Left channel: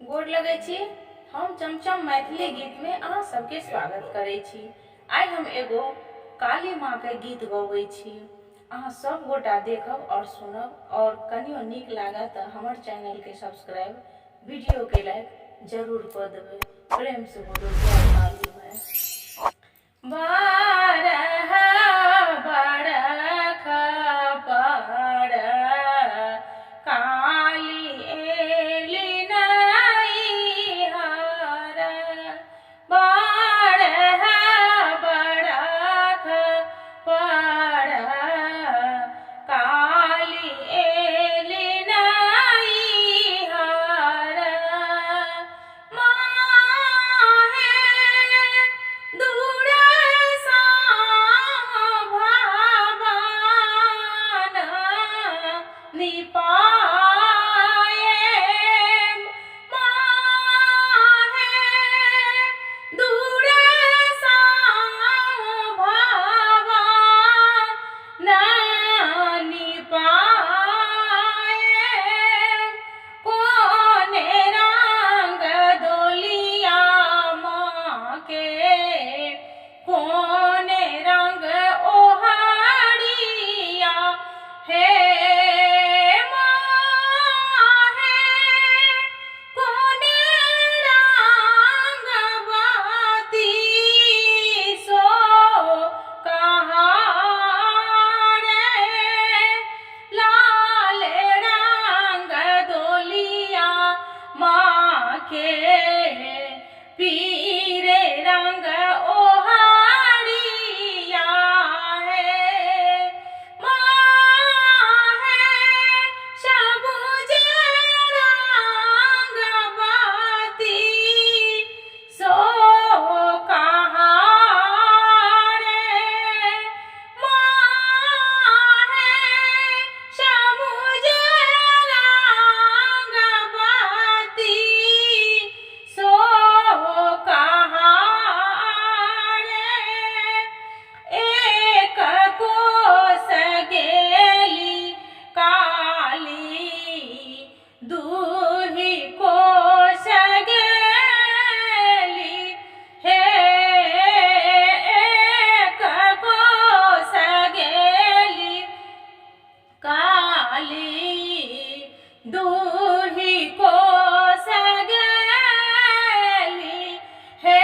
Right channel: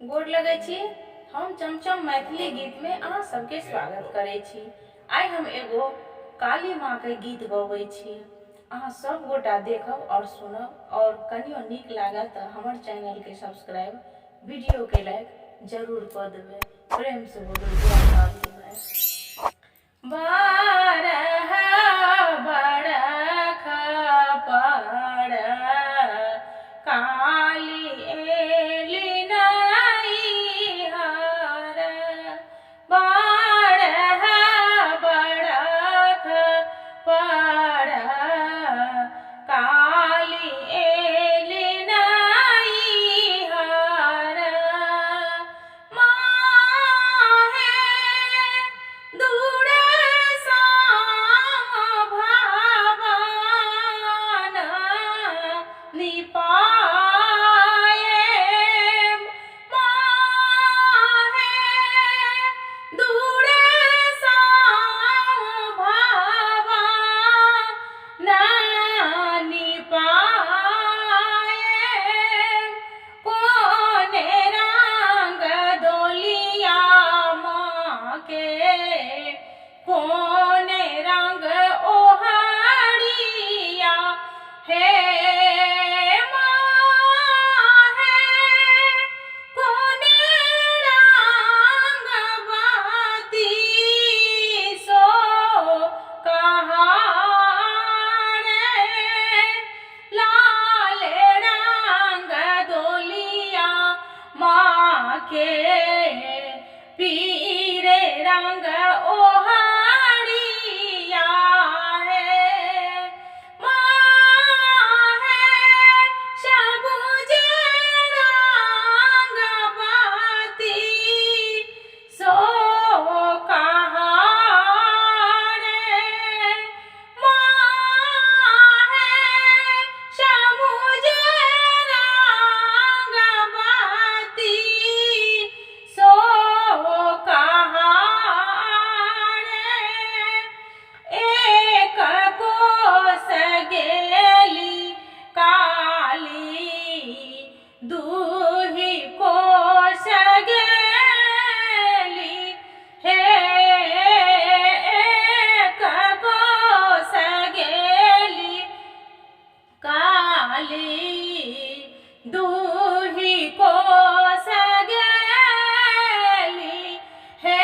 गोर लगे छी। हम चमचम मैथिली गीत में अहाँ सबके स्वागत करे छी। आई हम एगो काली माँ के गीत गबै छी। अहाँ सब गोटा देखब और सुनब और कनियो नीक लागत तो हमर चैनल के सब्सक्राइब, वीडियो के लाइक जरूर कर देबै। प्रेम से बोलो जय काली माँ। बारह बरख पर काली एली नैहर, बारह बरख पर काली एली नैहर। माहे दूर सा भवन निपाये, माहे दूर सा भवन निपाये। कोने रंग डोलिया माँ के, कोने रंग ओहरिया हे माहे, कोने रंग बाती सो कहारे। लाल रंग डोलिया माँ के, पीरे रंग ओहरिया है। माहे सबुज रंग बाती सो कहारे। माहे सबुज रंग बाती सो कहारे। एक कोस गेली काली, दूही कोस गेली हे। एक कोस गेली काली, दूही कोस गेली हे।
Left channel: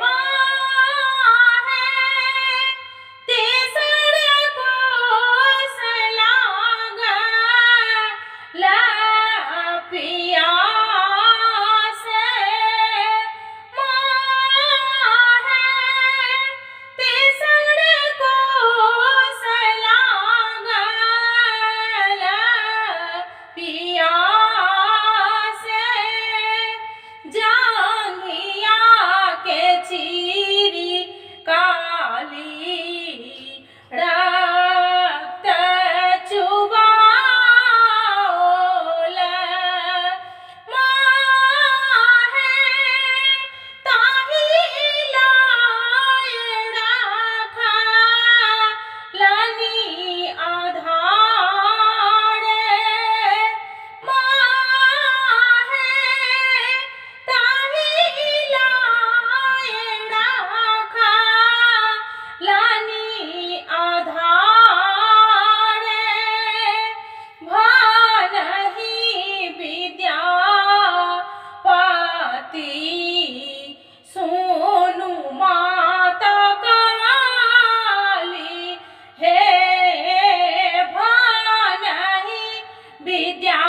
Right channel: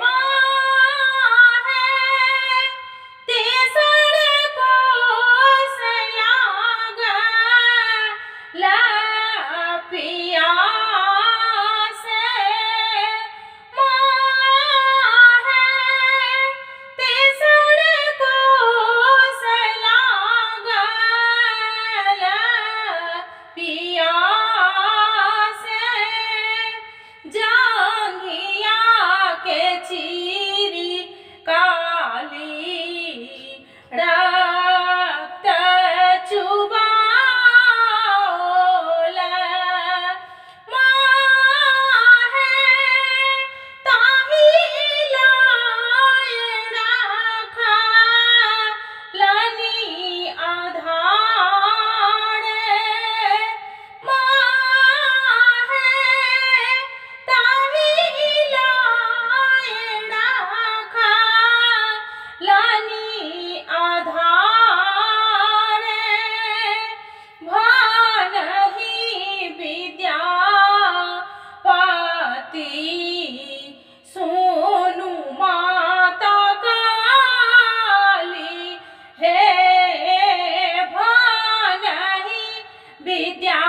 माहे तेसर कोस लागल पियासे। माहे तेसर कोस लागल पियासे। जांघिया के चीरी काली, रक्त चुबाओल। माहे ताही लाय रखलनी आधारे। माहे ताही लाय रखलनी आधारे। भानहि विद्यापति सुनु माता काली हे। भानहि विद्यापति